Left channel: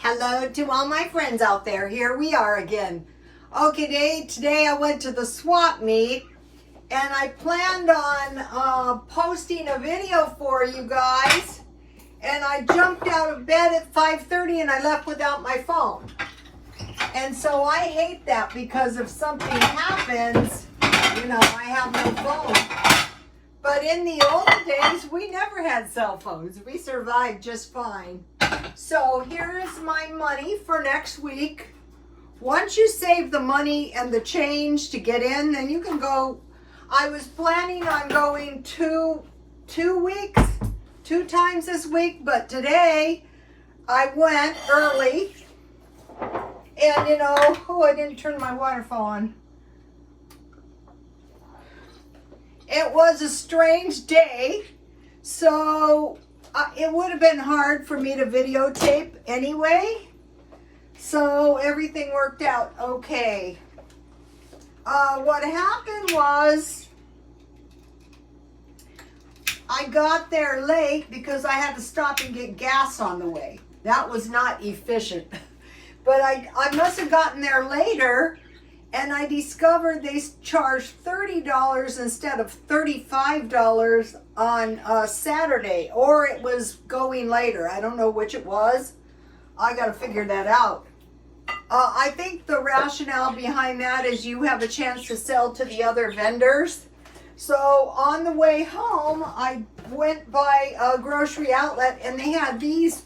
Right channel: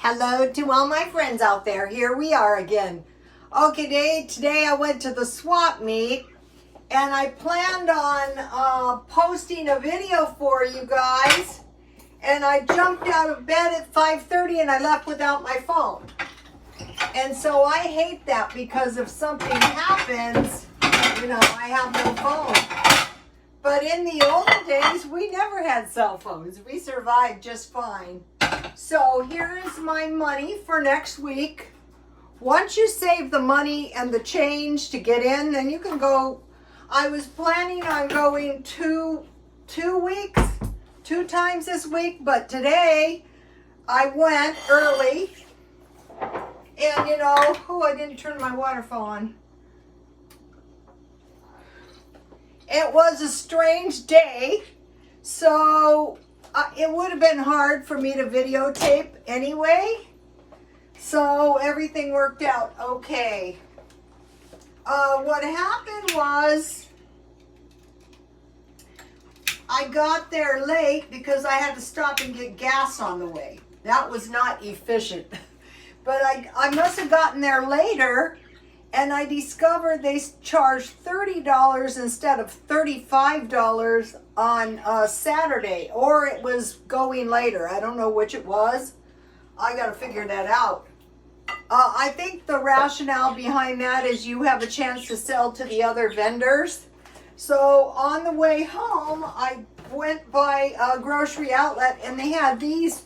Hello to all my friends out there. Here we are again. Okay, today I went to the swap meet and I planned on posting a video for you guys, and I jumped out of bed at 5:30 and I left without my phone. And so I hate that, because if something happens, I have no phone. But in the old days, we never had cell phones. We survived just fine. So here is my money for next week. Once you save the money and the change to get in, then you can go. I was planning on going two times this week, but today I went early. And I didn't turn my waterfall on. It was a strange day, so it would have been hard for me to videotape anyway. So everything worked out okay. What happened was I got there late because I had to stop and get gas on the way. That was not efficient. But I must have gotten there later, and I discovered they charged $30 instead of $35 on Saturday, or it was going later. I don't know which it was. I got to figure that out. I think the rationale behind that is you have a chance to sell to the other vendors. So on the way home, I went by a grocery outlet, and they had these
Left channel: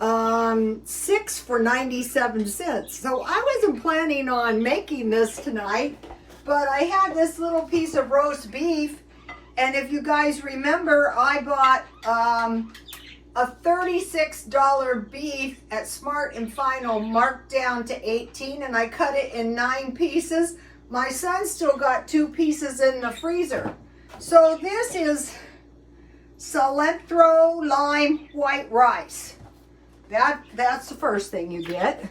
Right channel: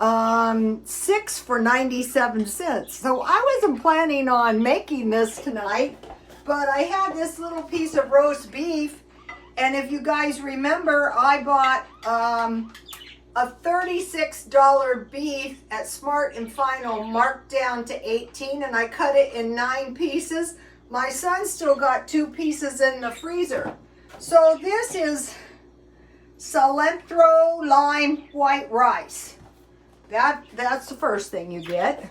6 for 97 cents. So I wasn't planning on making this tonight, but I had this little piece of roast beef, and if you guys remember, I bought a $36 beef at Smart and Final, marked down to 18, and I cut it in 9 pieces. My son still got 2 pieces in the freezer. So this is cilantro lime white rice. That's the first thing you get.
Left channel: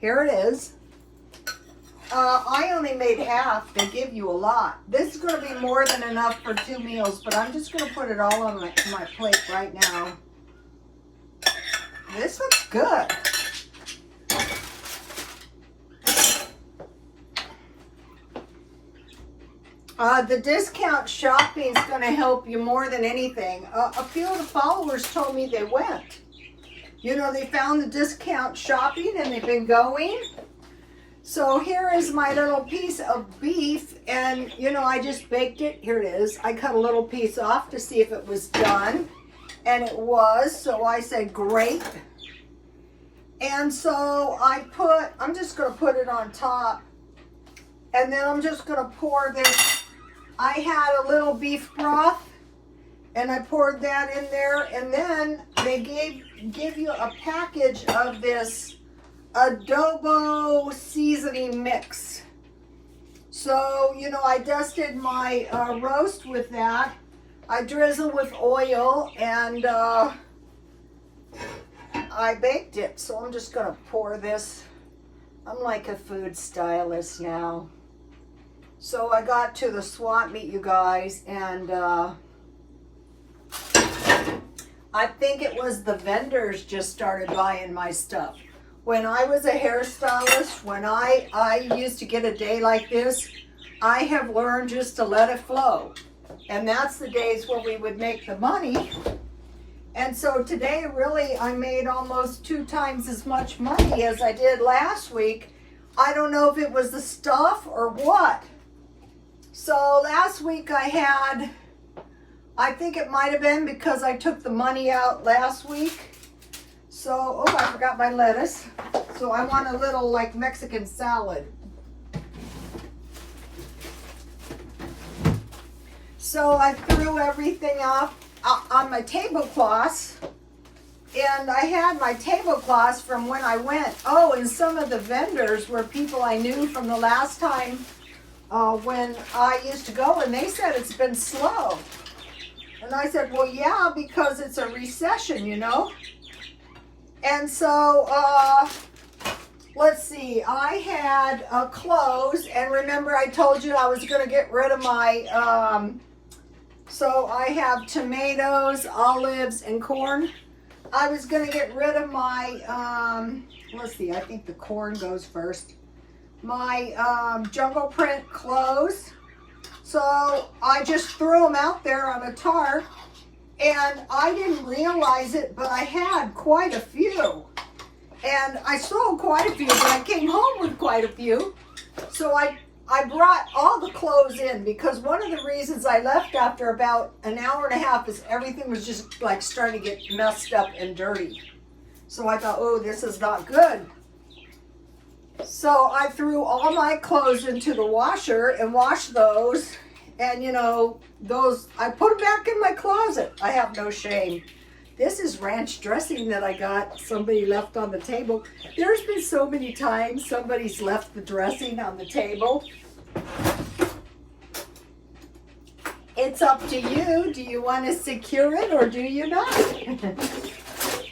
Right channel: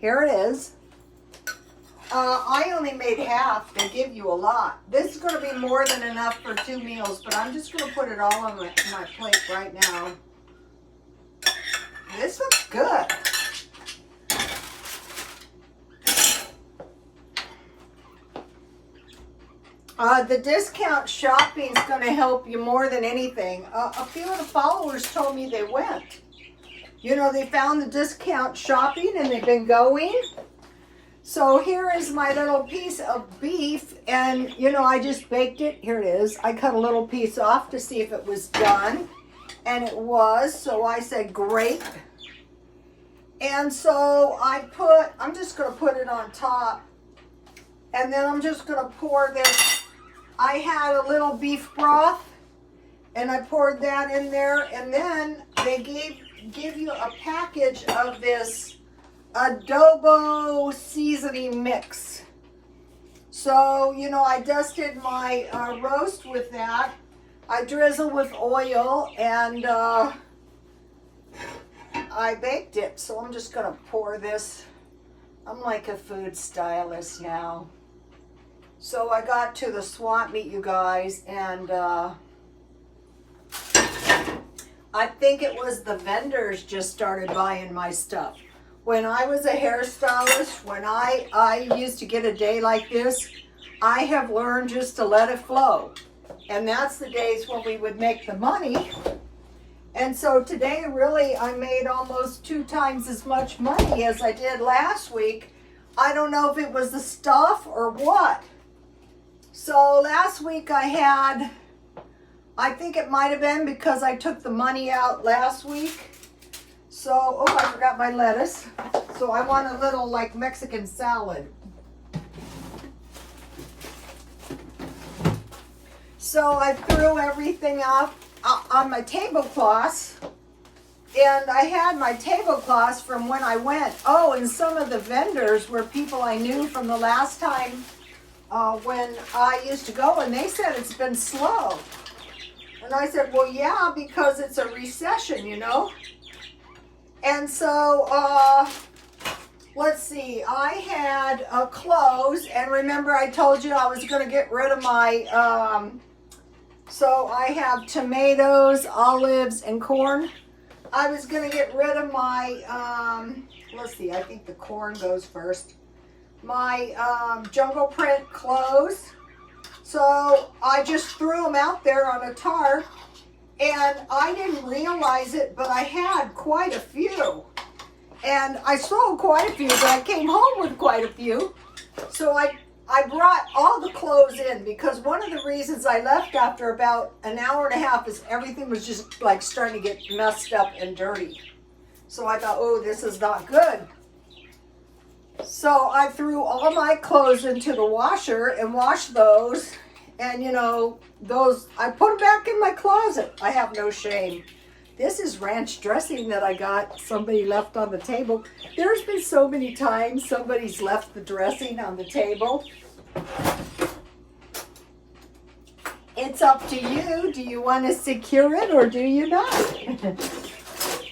Here it is. I only made half. They give you a lot. This is going to be more than enough for 2 meals, but I'm just going to put it all on my plate right now. This looks good. The discount shopping is going to help you more than anything. A few of the followers told me they went. They found the discount shopping and they've been going. So here is my little piece of beef, and I just baked it. Here it is. I cut a little piece off to see if it was done, and it was. So I said great. And so I'm just going to put it on top, and then I'm just going to pour this. I had a little beef broth, and I poured that in there, and then they give you a package of this ADOBO seasoning mix. So, I dusted my roast with that. I drizzled with oil, and I baked it. So I'm just going to pour this. I'm like a food stylist now. So I got to the swap meet, you guys, and I think it was the vendors just started buying my stuff. When I was a hairstylist, when I used to get a day like this, I have learned just to let it flow. And that's the days when we would make the money. And so today, really, I made almost 2 times as much money as I did last week. I don't know if it was the stuff or what. So last week I think it might have been because I took the money out last week. So, I forgot my lettuce. So I want a little like Mexican salad. So I threw everything up on my tablecloths. And I had my tablecloths from when I went. Oh, and some of the vendors were people I knew from the last time when I used to go, and they said it's been slow. And I said, well, yeah, because it's a recession, And so, let's see, I had clothes, and remember I told you I was going to get rid of my, so I have tomatoes, olives, and corn. I was going to get rid of my, let's see, I think the corn goes first. My jungle print clothes. So I just threw them out there on a tarp, and I didn't realize it, but I had quite a few. And I sold quite a few, but I came home with quite a few. So I brought all the clothes in, because one of the reasons I left after about an hour and a half is everything was just like starting to get messed up and dirty. So I thought, oh, this is not good. So I threw all my clothes into the washer and washed those. And you know, those, I put them back in my closet. I have no shame. This is ranch dressing that I got, somebody left on the table. There's been so many times somebody's left the dressing on the table. It's up to you. Do you want to secure it or do you not?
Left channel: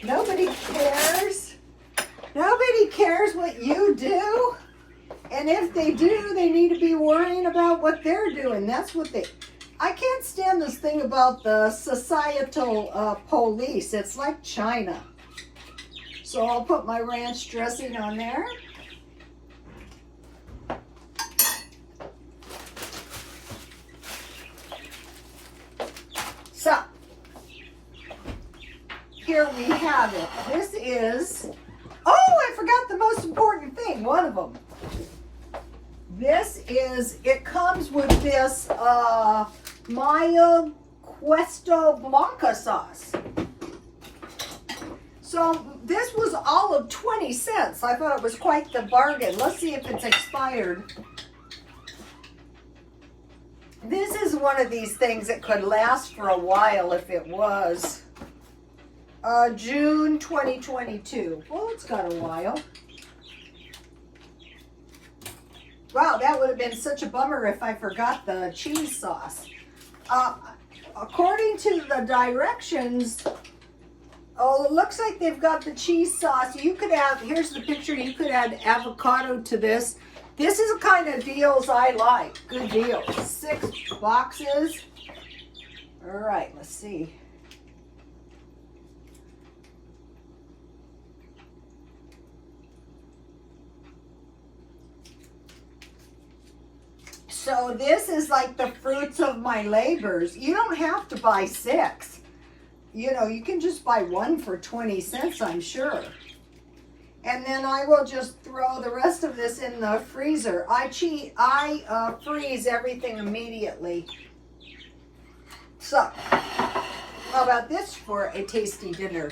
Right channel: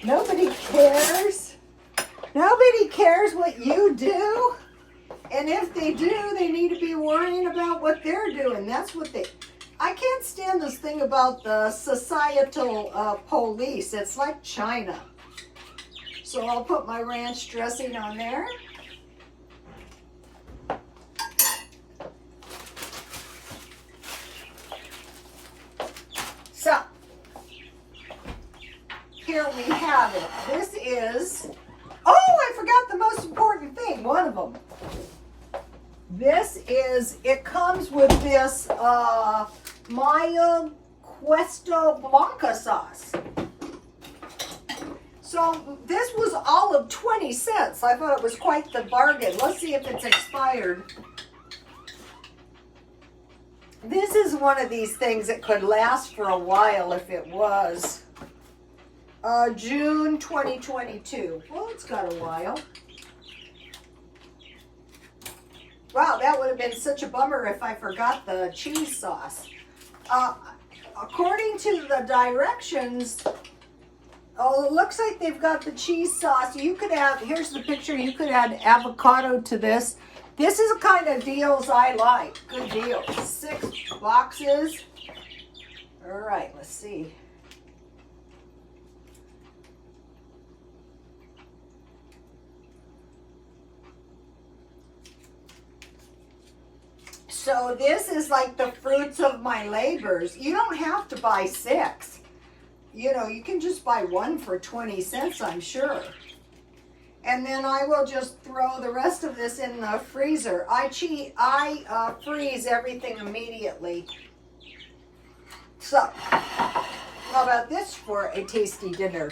Nobody cares. Nobody cares what you do. And if they do, they need to be worrying about what they're doing. That's what they... I can't stand this thing about the societal police. It's like China. So I'll put my ranch dressing on there. So, here we have it. This is, oh, I forgot the most important thing, one of them. This is, it comes with this Maya Cuesto Blanca sauce. So this was all of 20 cents. I thought it was quite the bargain. Let's see if it's expired. This is one of these things that could last for a while if it was. June 2022. Well, it's got a while. Wow, that would have been such a bummer if I forgot the cheese sauce. According to the directions, oh, it looks like they've got the cheese sauce. You could add, here's the picture, you could add avocado to this. This is the kind of deals I like. Good deal. 6 boxes. All right, let's see. So this is like the fruits of my labors. You don't have to buy 6. You know, you can just buy 1 for 20 cents, I'm sure. And then I will just throw the rest of this in the freezer. I freeze everything immediately. So, how about this for a tasty dinner?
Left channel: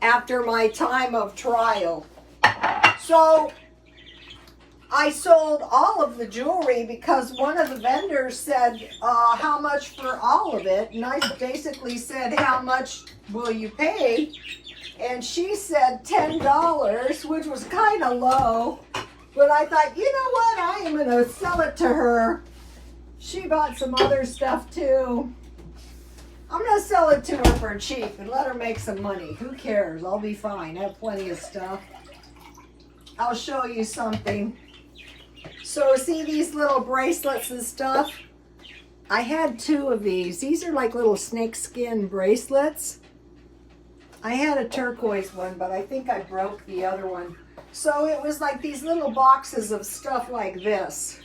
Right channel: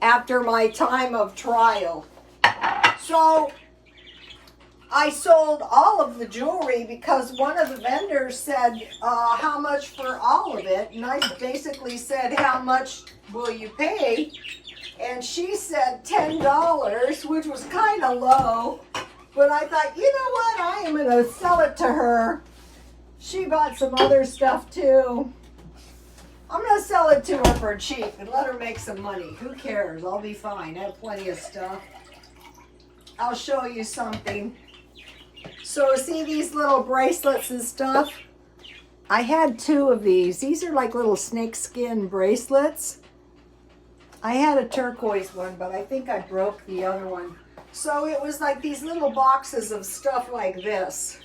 After my time of trial. So, I sold all of the jewelry because one of the vendors said, how much for all of it? And I basically said, how much will you pay? And she said $10, which was kind of low. But I thought, you know what? I am going to sell it to her. She bought some other stuff too. I'm going to sell it to her for cheap and let her make some money. Who cares? I'll be fine. I have plenty of stuff. I'll show you something. So see these little bracelets and stuff? I had 2 of these. These are like little snakeskin bracelets. I had a turquoise one, but I think I broke the other one. So it was like these little boxes of stuff like this.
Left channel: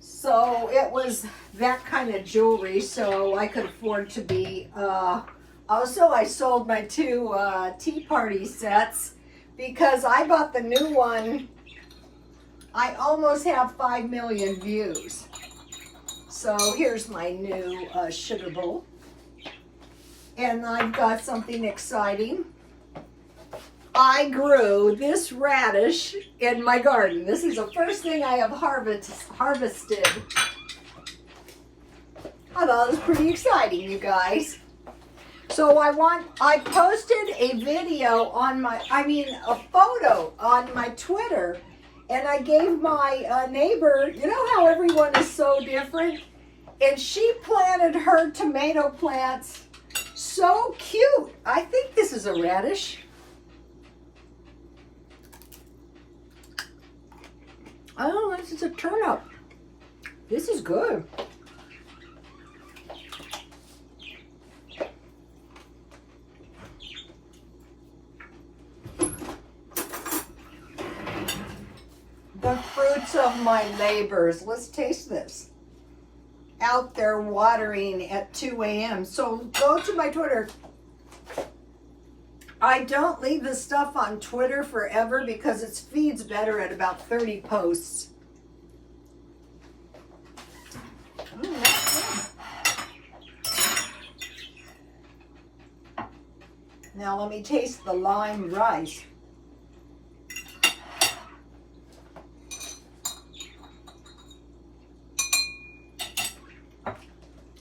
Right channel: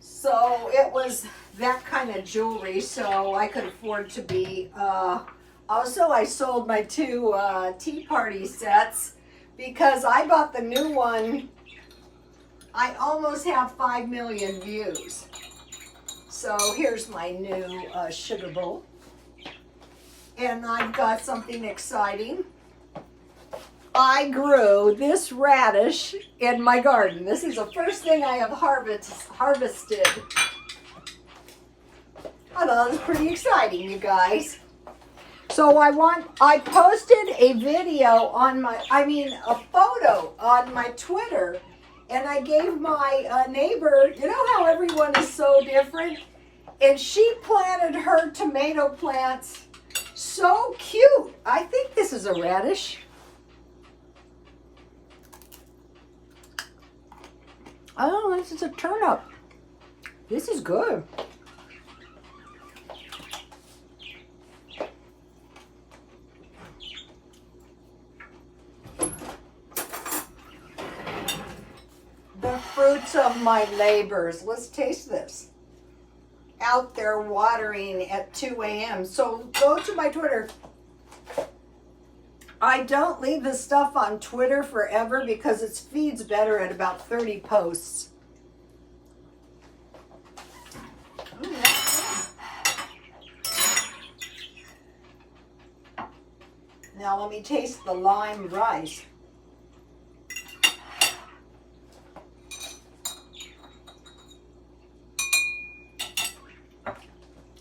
So it was that kind of jewelry, so I could afford to be, also I sold my 2 tea party sets because I bought the new one. I almost have 5 million views. So here's my new sugar bowl. And I've got something exciting. I grew this radish in my garden. This is the first thing I have harvested. I thought it was pretty exciting, you guys. So I posted a video on a photo on my Twitter, and I gave my neighbor, you know how everyone is so different? And she planted her tomato plants. So cute. I think this is a radish. Oh, this is a turnip. This is good. The fruits of my labors. Let's taste this. Out there watering at 2 a.m. So go to my Twitter. I don't leave this stuff on Twitter forever because it feeds better at about 30 posts. Now let me taste the lime rice.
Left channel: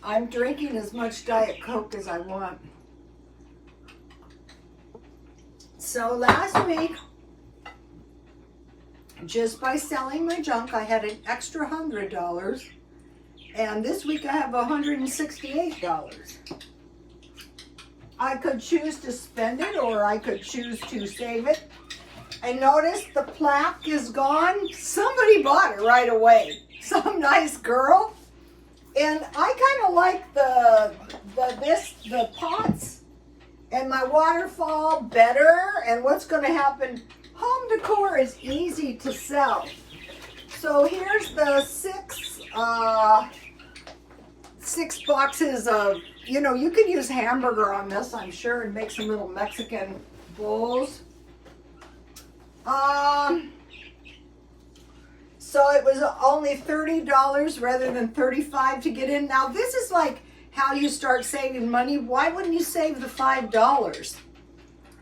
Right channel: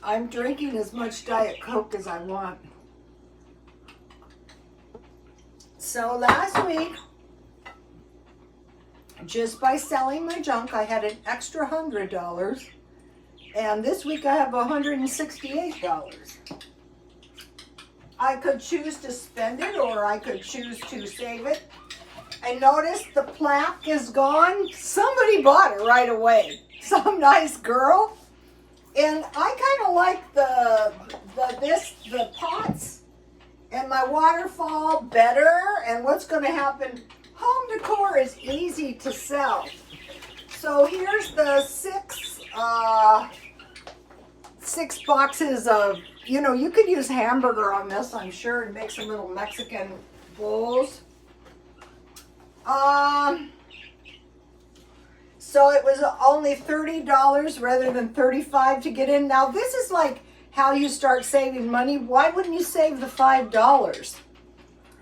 I'm drinking as much Diet Coke as I want. So last week, just by selling my junk, I had an extra $100. And this week I have $168. I could choose to spend it or I could choose to save it. I noticed the plaque is gone. Somebody bought it right away. Some nice girl. And I kind of like the pots and my waterfall better. And what's going to happen, home decor is easy to sell. So here's the six boxes of, you know, you could use hamburger on this, I'm sure, and make some little Mexican bowls. So it was only $30 rather than $35 to get in. Now this is like how you start saving money. Why wouldn't you save the $5?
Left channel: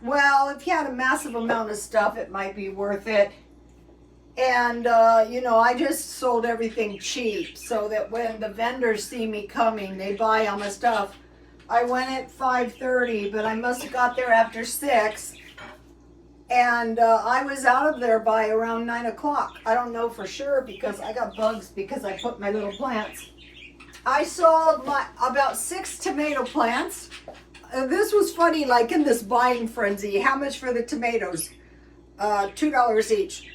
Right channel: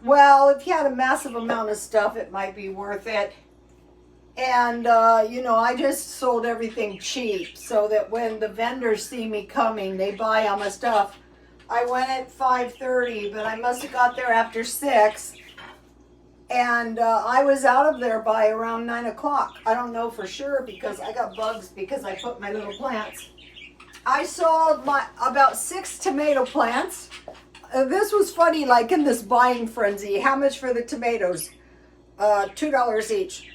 Well, if you had a massive amount of stuff, it might be worth it. And, you know, I just sold everything cheap so that when the vendors see me coming, they buy all my stuff. I went at 5:30, but I must have got there after 6. And I was out of there by around 9 o'clock. I don't know for sure because I got bugs because I put my little plants. I sold about 6 tomato plants. This was funny, like in this buying frenzy. How much for the tomatoes? $2 each.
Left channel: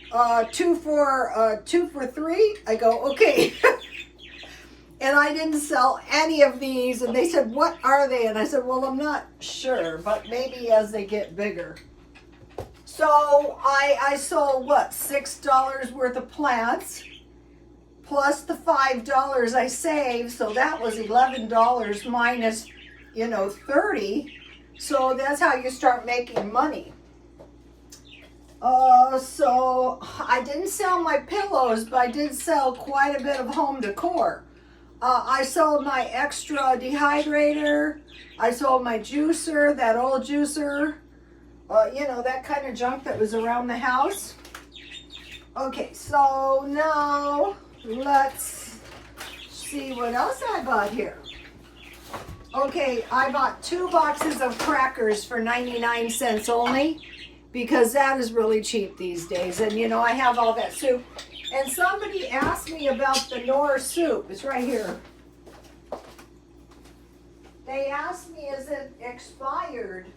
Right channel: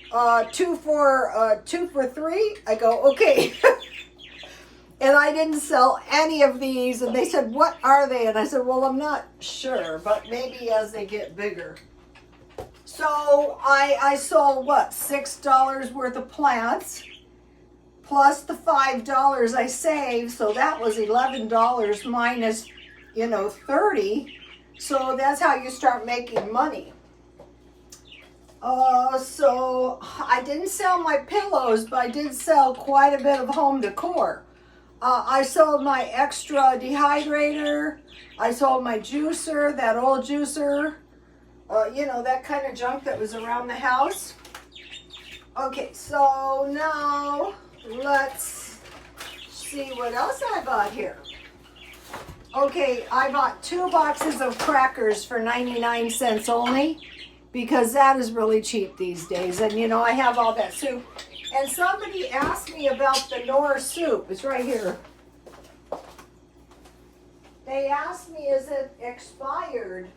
Two for $3. I go, okay. And I didn't sell any of these. And they said, what are they? And I said, well, I'm not sure, but maybe as they get bigger. So I sold what, $6 worth of plants plus the $5 I saved. So that was $11 minus, you know, 30. So that's how you start making money. So I didn't sell my pillows, but I did sell quite a bit of home decor. I sold my extra dehydrator. I sold my juicer, that old juicer. You know, that kind of junk that was around the house. Okay, so now let's see what else I bought here. Okay, I bought 2 boxes of crackers for 99 cents only because that is really cheap these days. And, you know, I have all that soup. And somebody asked me about the Knorr soup. It's right here. They asked me, is it expired?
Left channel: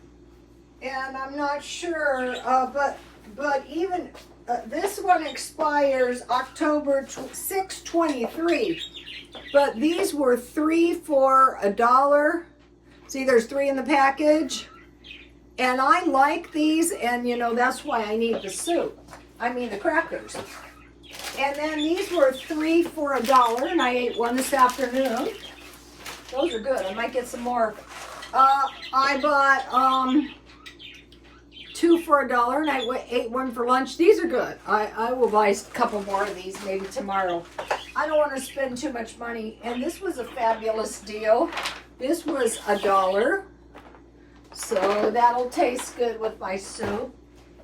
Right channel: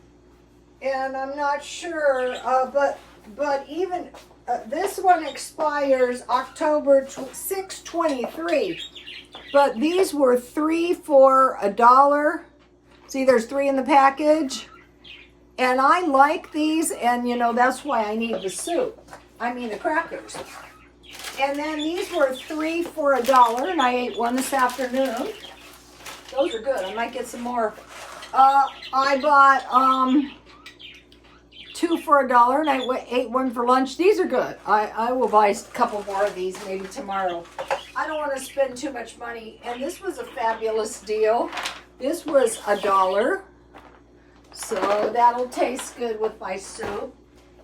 And I'm not sure, but even this one expires October 6, 23. But these were 3 for $1. See, there's 3 in the package. And I like these, and you know, that's why I need the soup. I mean the crackers. And then these were 3 for $1, and I ate one this afternoon. Those are good. I might get some more. I bought 2 for $1, and I ate one for lunch. These are good. I will buy a couple more of these maybe tomorrow. I don't want to spend too much money. And this was a fabulous deal. This was $1. So that'll taste good with my soup.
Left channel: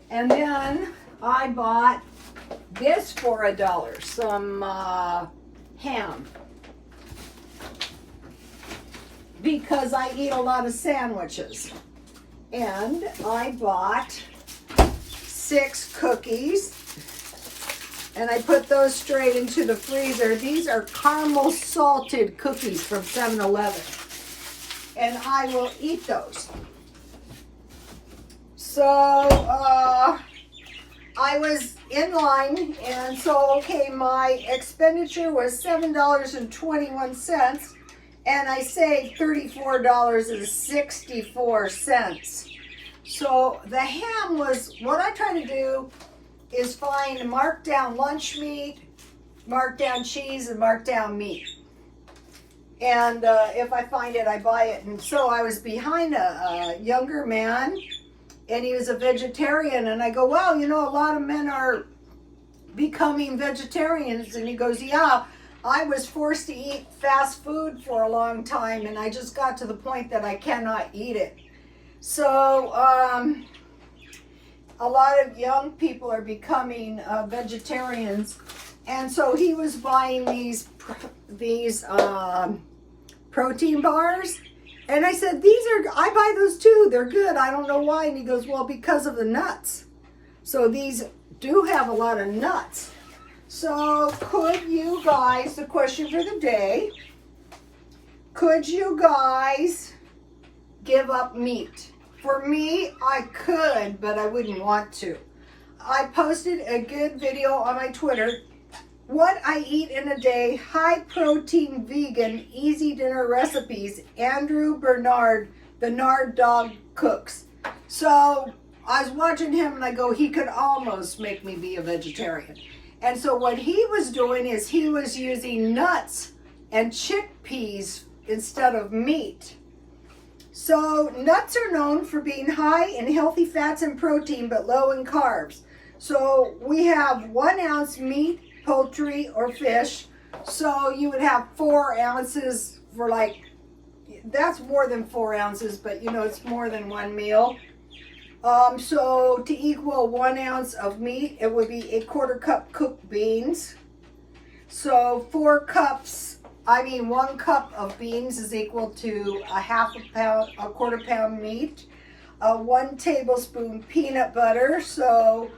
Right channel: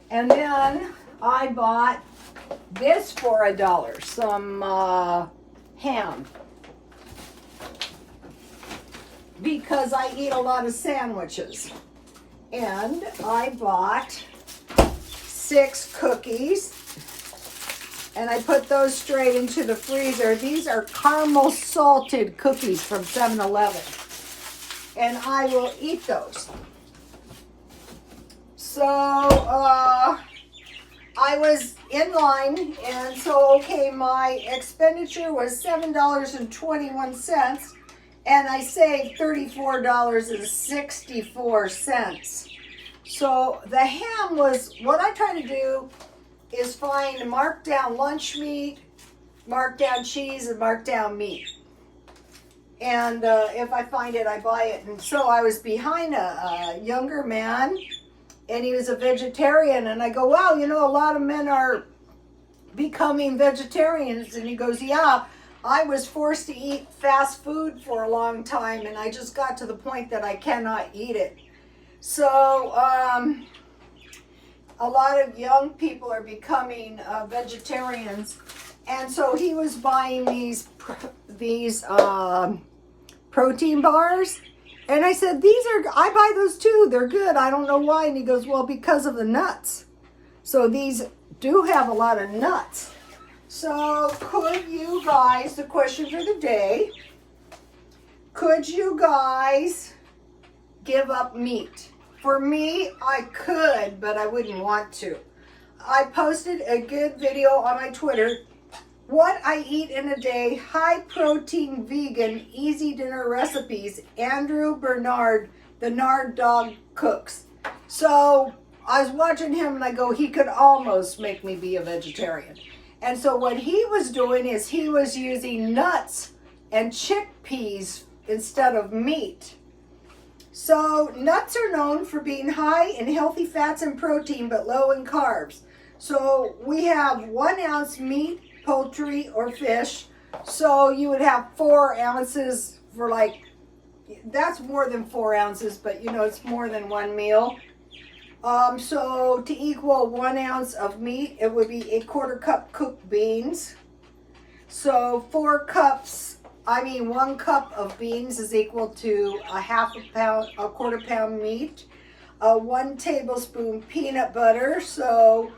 And then I bought this for $1. Some ham. Because I eat a lot of sandwiches. And I bought 6 cookies. And I put those straight into the freezer. These are caramel salted cookies from 7-Eleven. And I will eat those. So, I was in line, and so, okay, my expenditure was $7.21, and I saved $34.64. So, the ham was, what I try to do is find marked down lunch meat, marked down cheese, and marked down meat. And if I find it, I buy it. And so I was behind a younger man, and he was a vegetarian. And I go, well, you know, a lot of men are becoming vegetarians. And he goes, yeah, I was forced to eat fast food for a long time, and I just got to the point that I cannot eat it. So a lot of young people are becoming vegetarians. And so he was buying these protein bars. And I said, I buy those too. They're good. I don't know why. And he goes, well, because of the nuts. So these do have a lot of nuts. So could you guys, the question for the day, could you guys give up meat? For me, I could, but I wouldn't want to. I posted a good video on my Twitter, what I eat in a day, high protein, vegan, easy dinner recipes, Andrew Bernard, the Nard Dog Cooks. So I was watching him and I go, he could almost make me be a vegetarian. And so what he was doing is he was using nuts and chickpeas instead of meat. So nuts are known for being high in healthy fats and protein, but low in carbs. So we have 1 ounce meat, poultry, or fish. So you would have 4 ounces for that's more than 4 ounces, but you know, it's more than one meal. So to equal 1 ounce of meat, it would be 1/4 cup cooked beans. So 1 cup of beans is equal to a 1/4 pound meat. 1 tablespoon peanut butter. So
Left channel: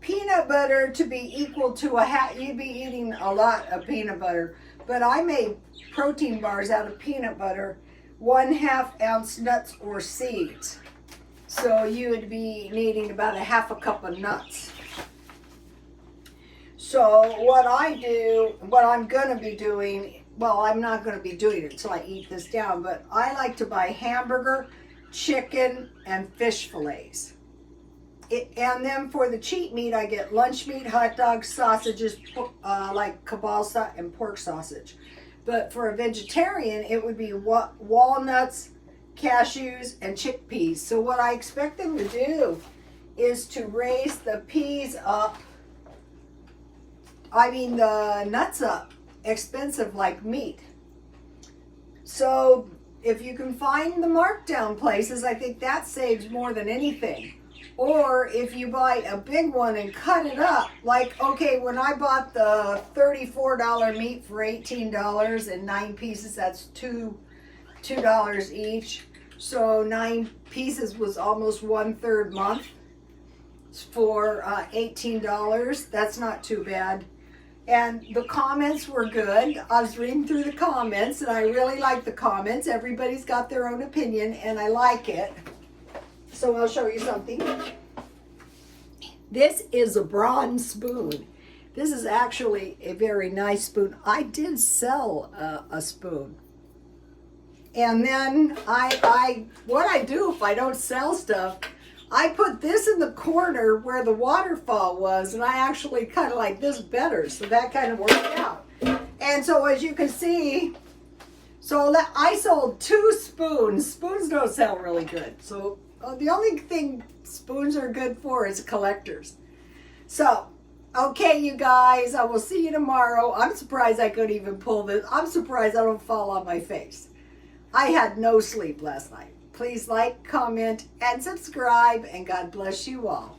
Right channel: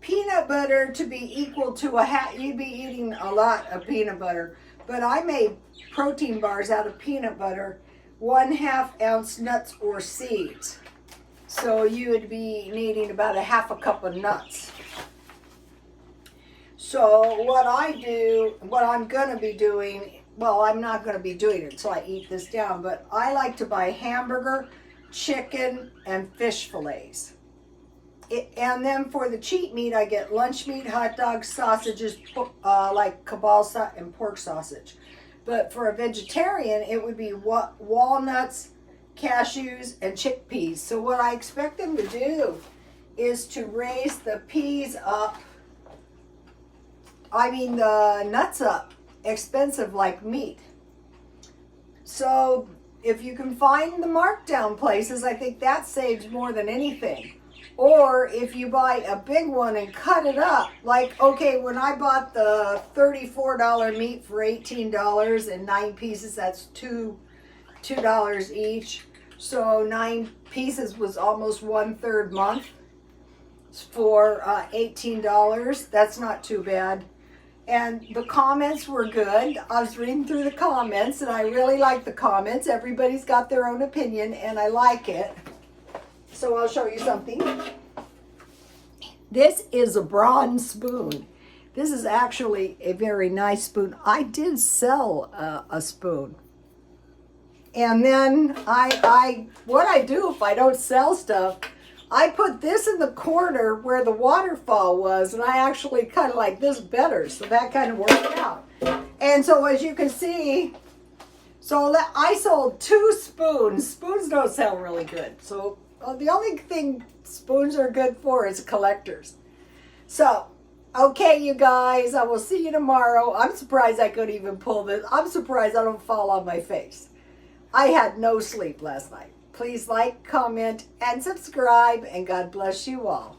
peanut butter to be equal to you'd be eating a lot of peanut butter. But I made protein bars out of peanut butter. 1/2 ounce nuts or seeds. So you would be needing about a 1/2 cup of nuts. So what I'm going to be doing, well, I'm not going to be doing it until I eat this down, but I like to buy hamburger, chicken, and fish fillets. And then for the cheat meat, I get lunch meat, hot dogs, sausages, like kielbasa and pork sausage. But for a vegetarian, it would be walnuts, cashews, and chickpeas. So what I expect them to do is to raise the the nuts up, expensive like meat. So if you can find the markdown places, I think that saves more than anything. Or if you buy a big one and cut it up, okay, when I bought the $34 meat for $18 and 9 pieces, that's $2 each. So 9 pieces was almost 1/3 month for $18. That's not too bad. And the comments were good. I was reading through the comments and I really like the comments. Everybody's got their own opinion and I like it. So I'll show you something. This is a bronze spoon. This is actually a very nice spoon. I did sell a spoon. And then what I do if I don't sell stuff, I put this in the corner where the waterfall was, and I actually kind of like this better, so that kind of worked out. And so as you can see, I sold 2 spoons. Spoons don't sell really good. So the only thing spoons are good for is collectors. So, okay, you guys, I will see you tomorrow. I'm surprised I could even pull this. I'm surprised I don't fall on my face. I had no sleep last night. Please like, comment, and subscribe, and God bless you all.